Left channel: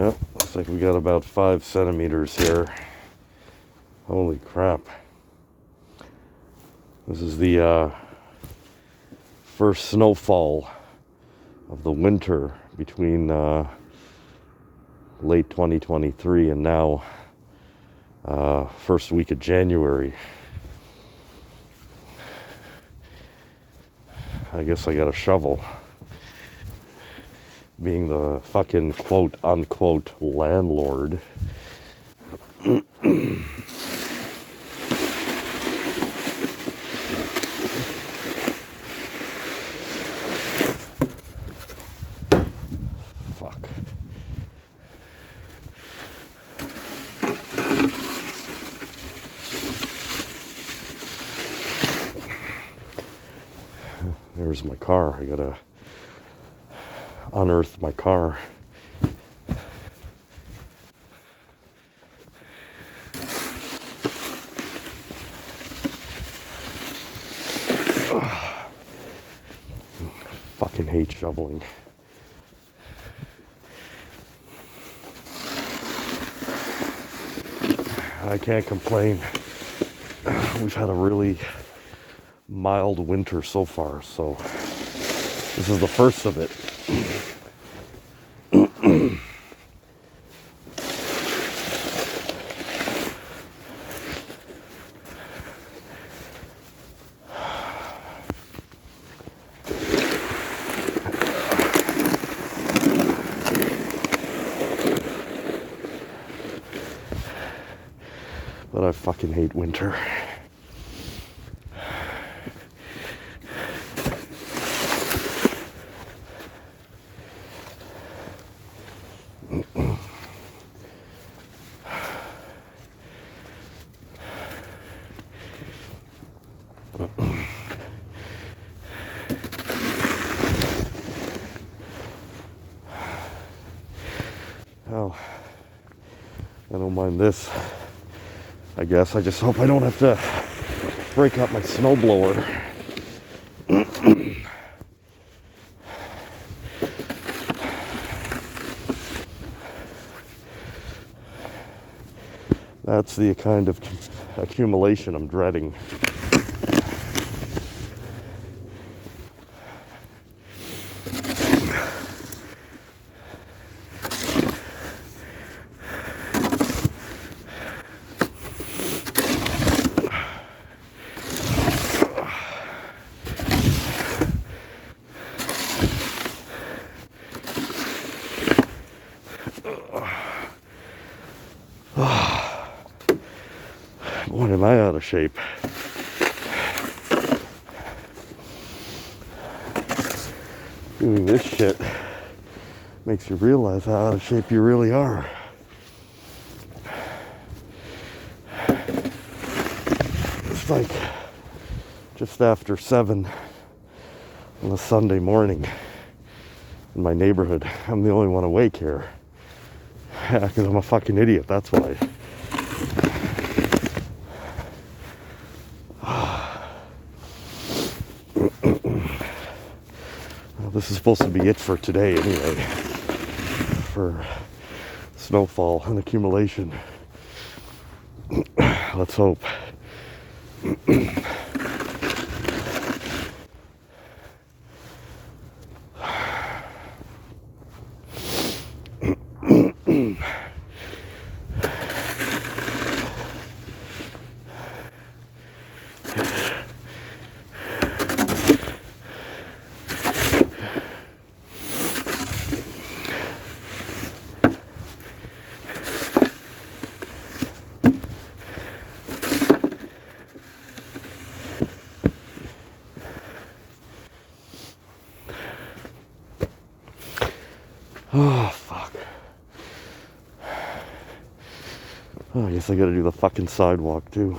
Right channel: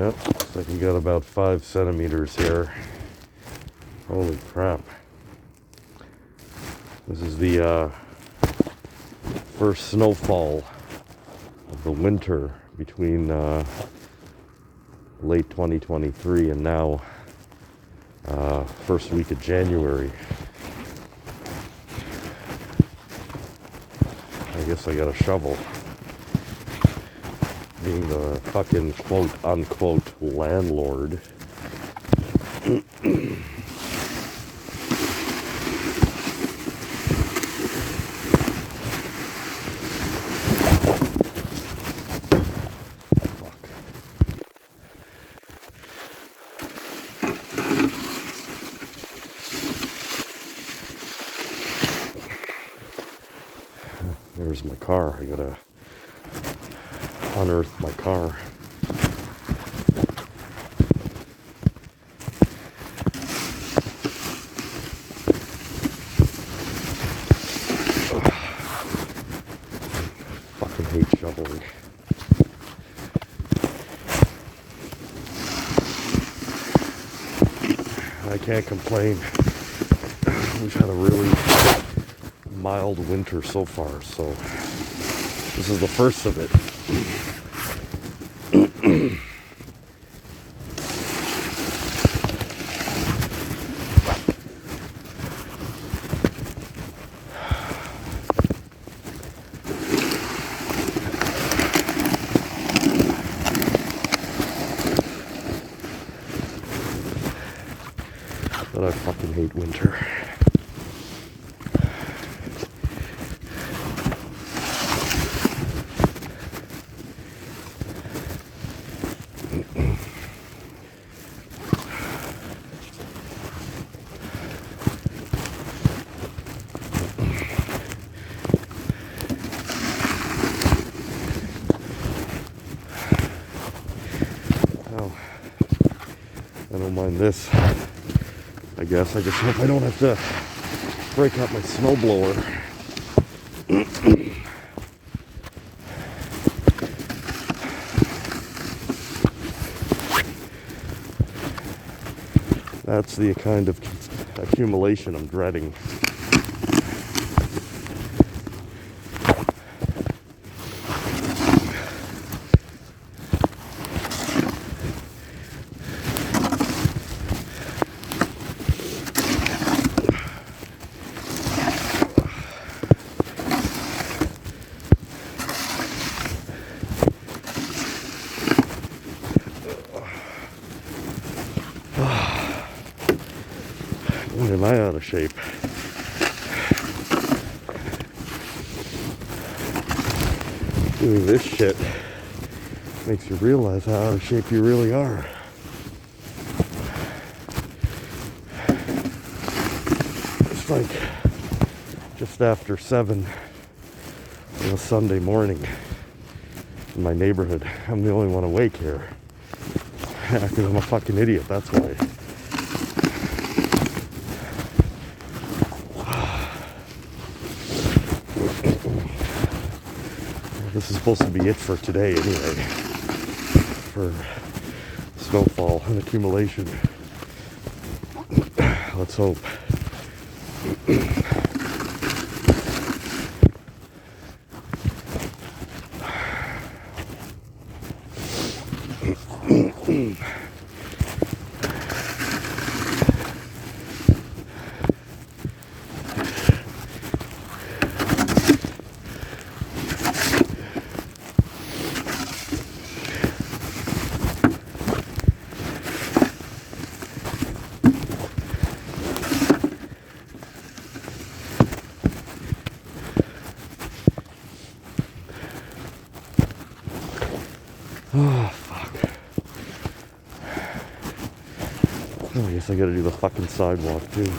Yep, looks like we got about 5 centimeters here. Holy crap. This is the first snowfall of the winter between late 2023 and now first week of January. I guess I got a shovel. Being the fucking quote unquote landlord. There's my car. I gotta unearth my car. Fucking hate shoveling. I can't complain. We've had a really mild winter so far, so this is the first of it. But I fucking hate winter. Oh, I don't mind this. I guess I just hope I don't have to break out my snowblower. That's the kind of accumulation I'm dreading. Boy, am I out of shape. Doing this shit makes you realize how out of shape you really are. It's like just after 7 on a Sunday morning in my neighborhood. I'm the only one awake here. Because I'm a fucking idiot, that's why. This is supposed to be it for today anyway. For snowfall and accumulation. Let's hope. Oh, fuck. Oh, I guess I gotta do the fucking sidewalk, too.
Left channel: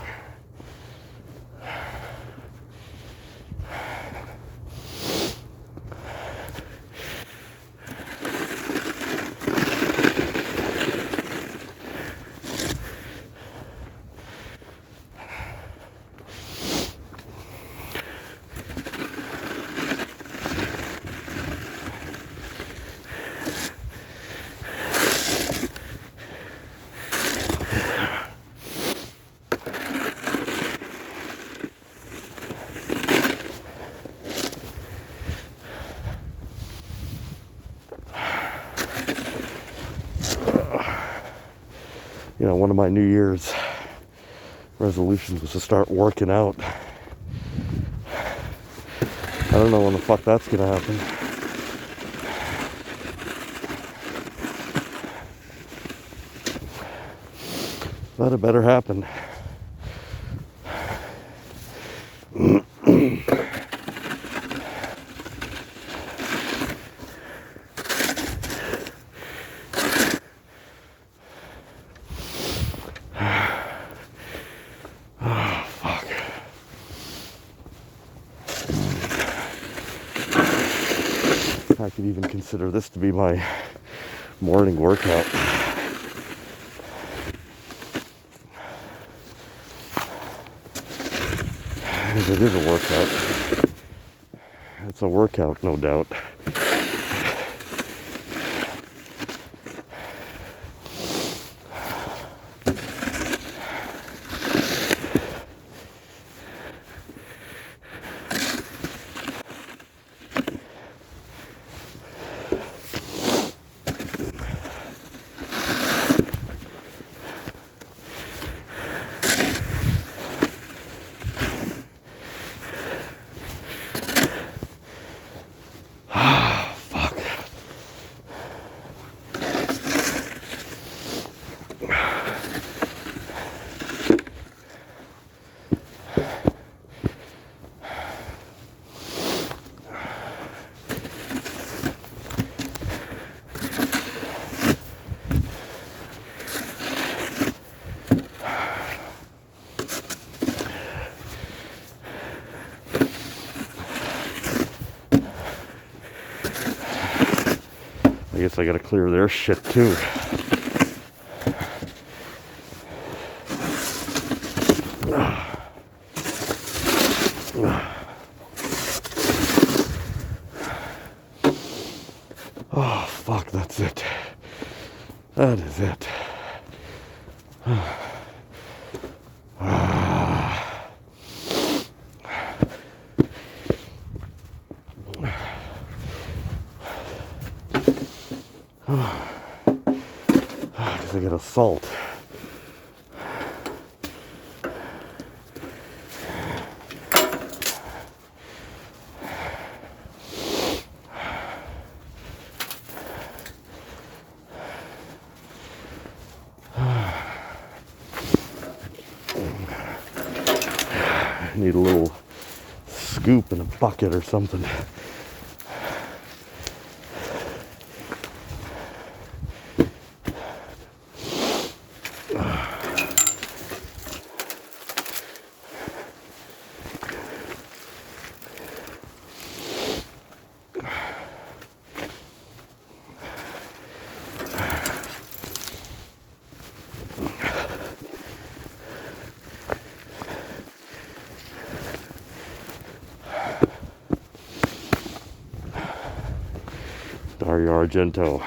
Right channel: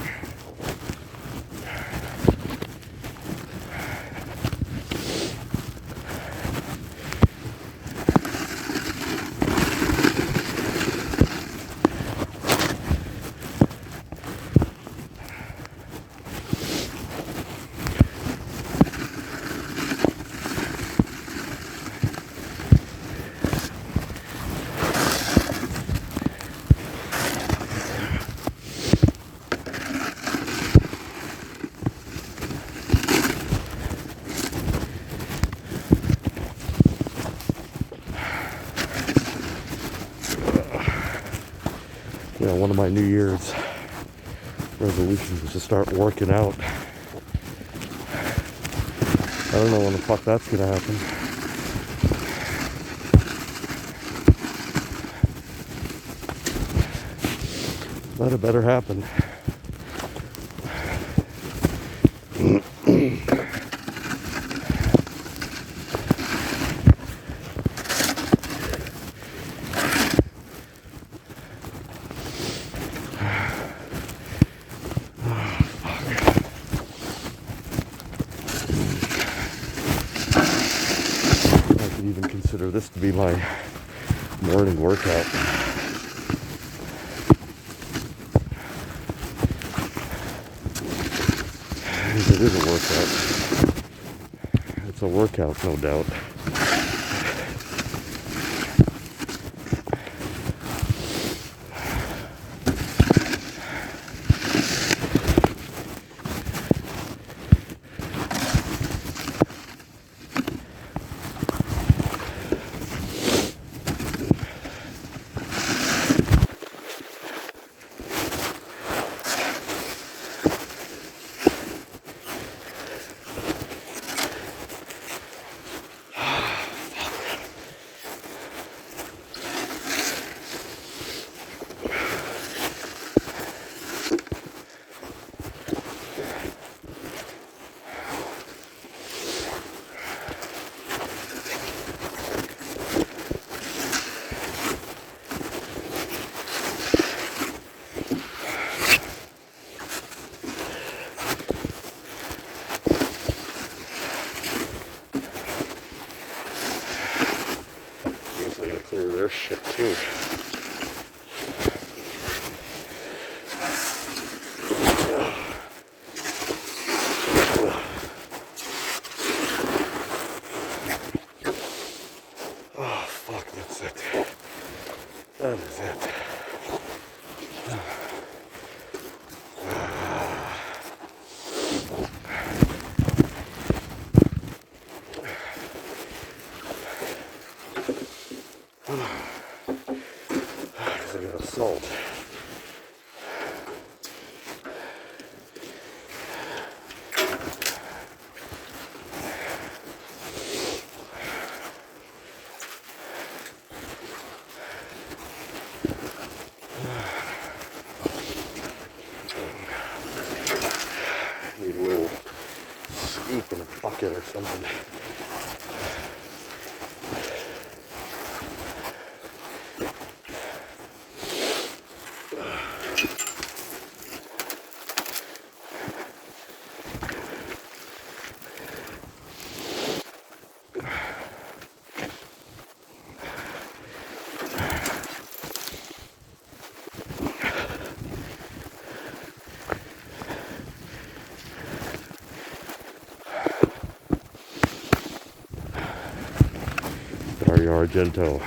one of my New Year's resolutions is to start working out. I don't know when the fuck that's gonna happen. But it better happen. I could even consider this to be my morning workout. It is a workout. It's a workout, no doubt. I guess I gotta clear their shit too. Oh, fuck, that's it. That is it. I got a salt. Need a little scoop in a bucket or something. Dario Argento,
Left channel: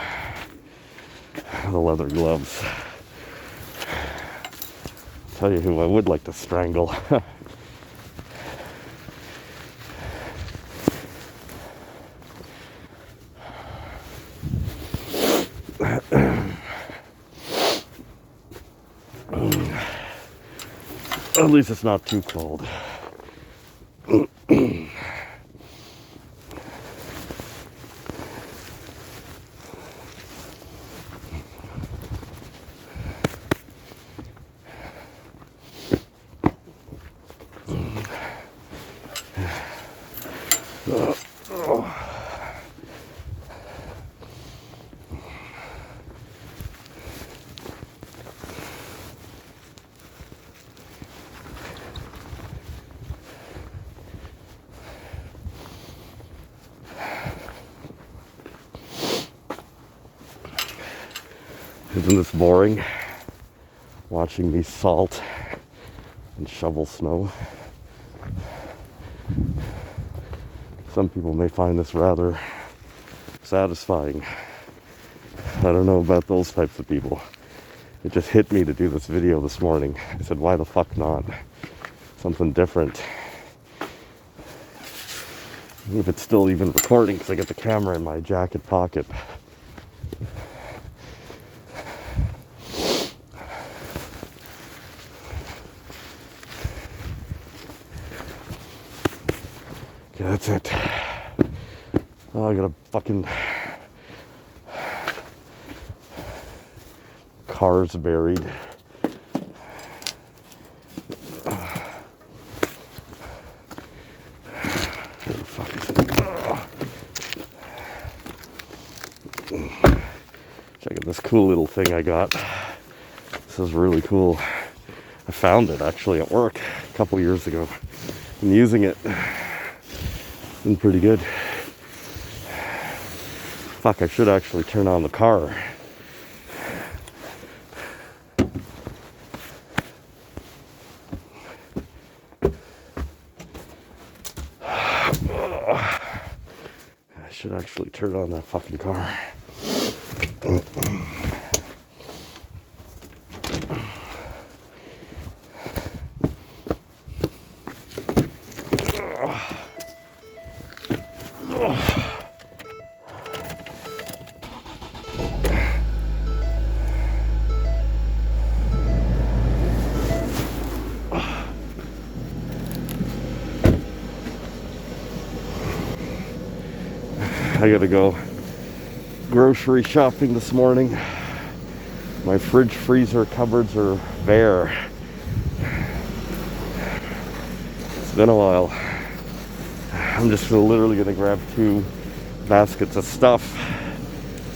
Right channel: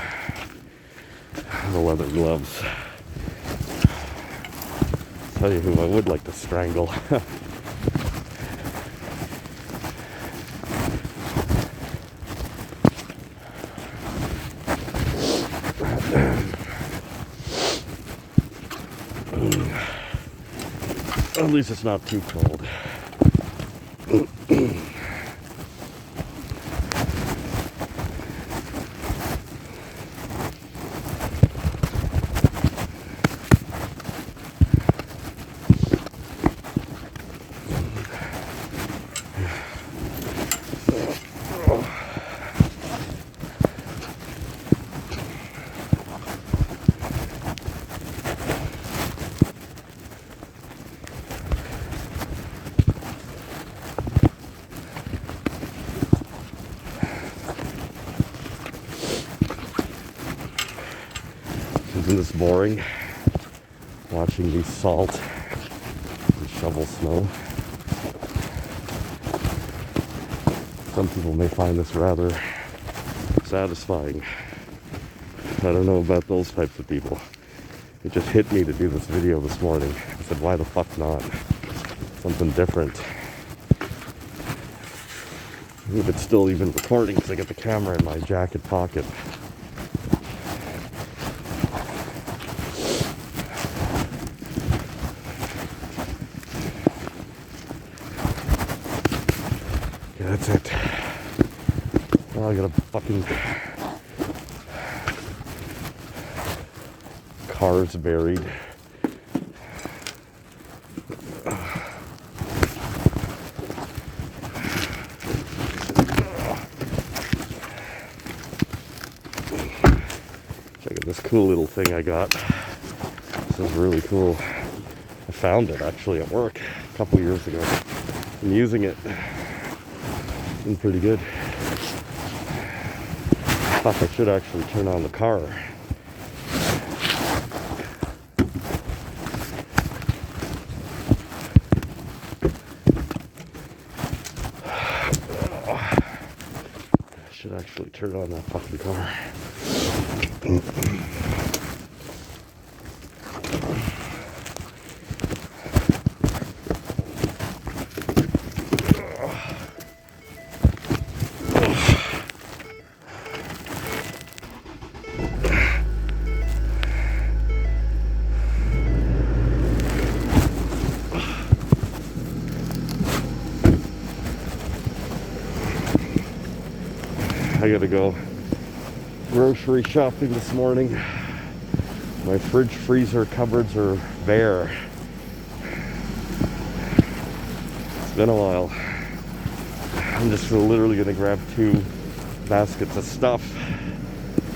the leather gloves. Tell you who I would like to strangle. At least it's not too cold. Isn't this boring? Watching me salt and shovel snow. Some people may find this rather satisfying. I don't know about those types of people. It just hit me to do this video this morning. I said, why the fuck not? Something different. If it's still even recording, because I got the camera in my jacket pocket. Okay, that's it. Now I got a fucking cars buried. Check out this cool little thing I got. This is really cool. I found it actually at work a couple years ago. I'm using it. It's been pretty good. Fuck, I should actually turn on the car. I should actually turn on that fucking car. I gotta go grocery shopping this morning. My fridge freezer cupboards are bare. It's been a while. I'm just literally gonna grab 2 baskets of stuff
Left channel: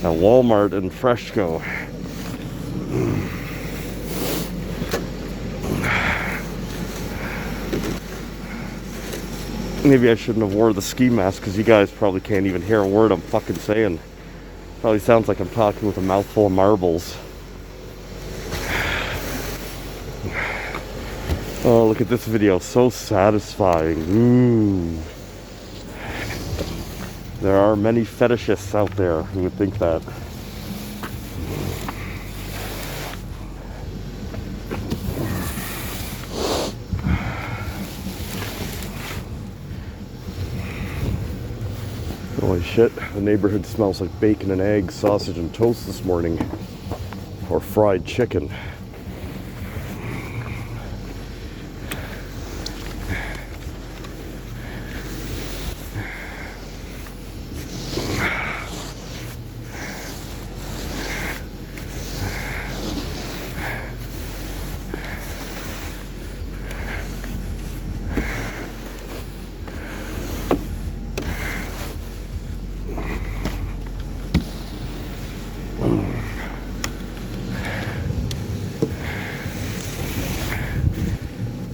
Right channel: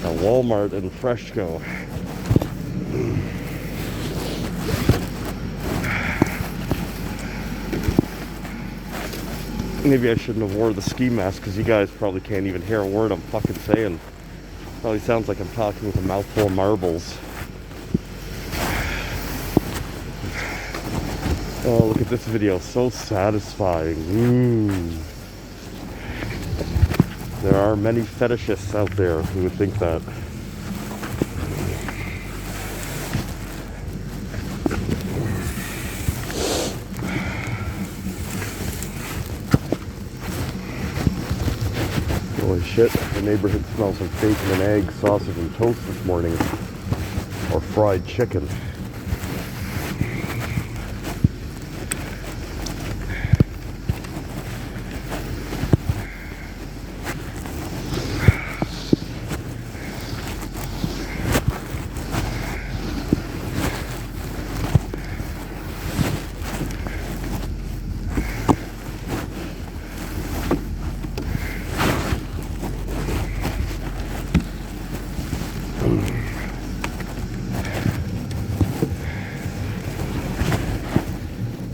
at Walmart and Freshco. Maybe I shouldn't have wore the ski mask because you guys probably can't even hear a word I'm fucking saying. Probably sounds like I'm talking with a mouthful of marbles. Oh, look at this video. So satisfying. There are many fetishists out there who would think that. Holy shit, the neighborhood smells like bacon and eggs, sausage and toast this morning. Or fried chicken.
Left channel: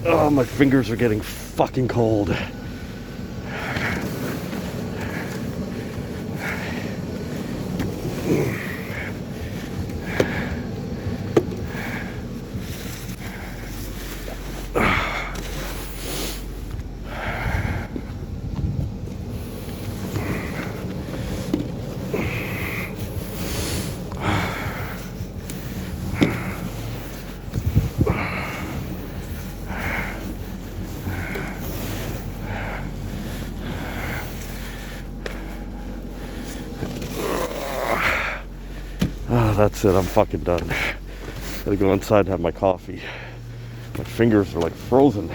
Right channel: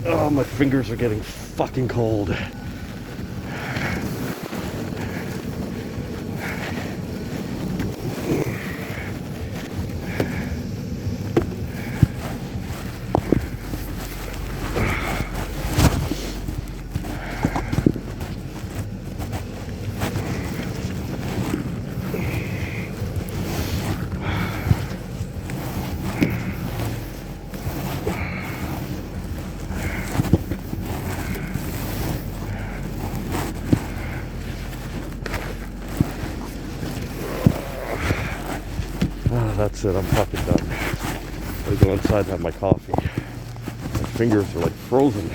Oh, my fingers are getting fucking cold. Oh, that's it, I'm fucking done. I'm gonna go inside and have my coffee. My fingers are like frozen.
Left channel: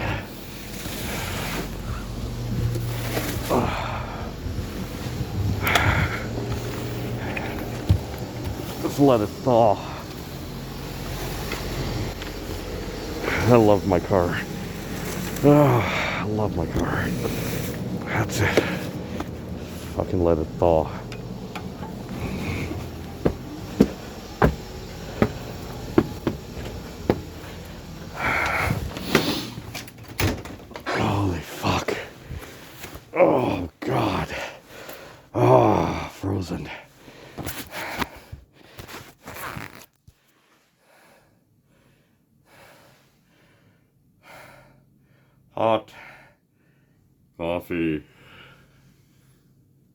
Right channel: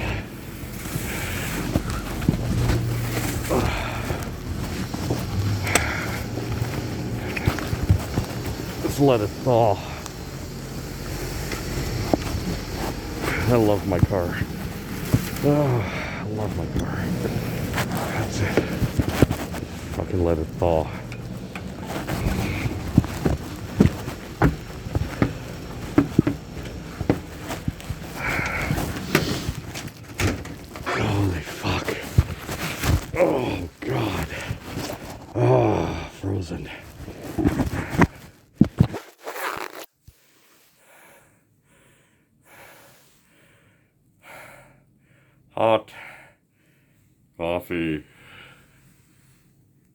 Just let it thaw. I love my car. Oh, I love my car. That's it. Fucking let it thaw. Holy fuck. Oh, God. Oh, frozen. Hot coffee.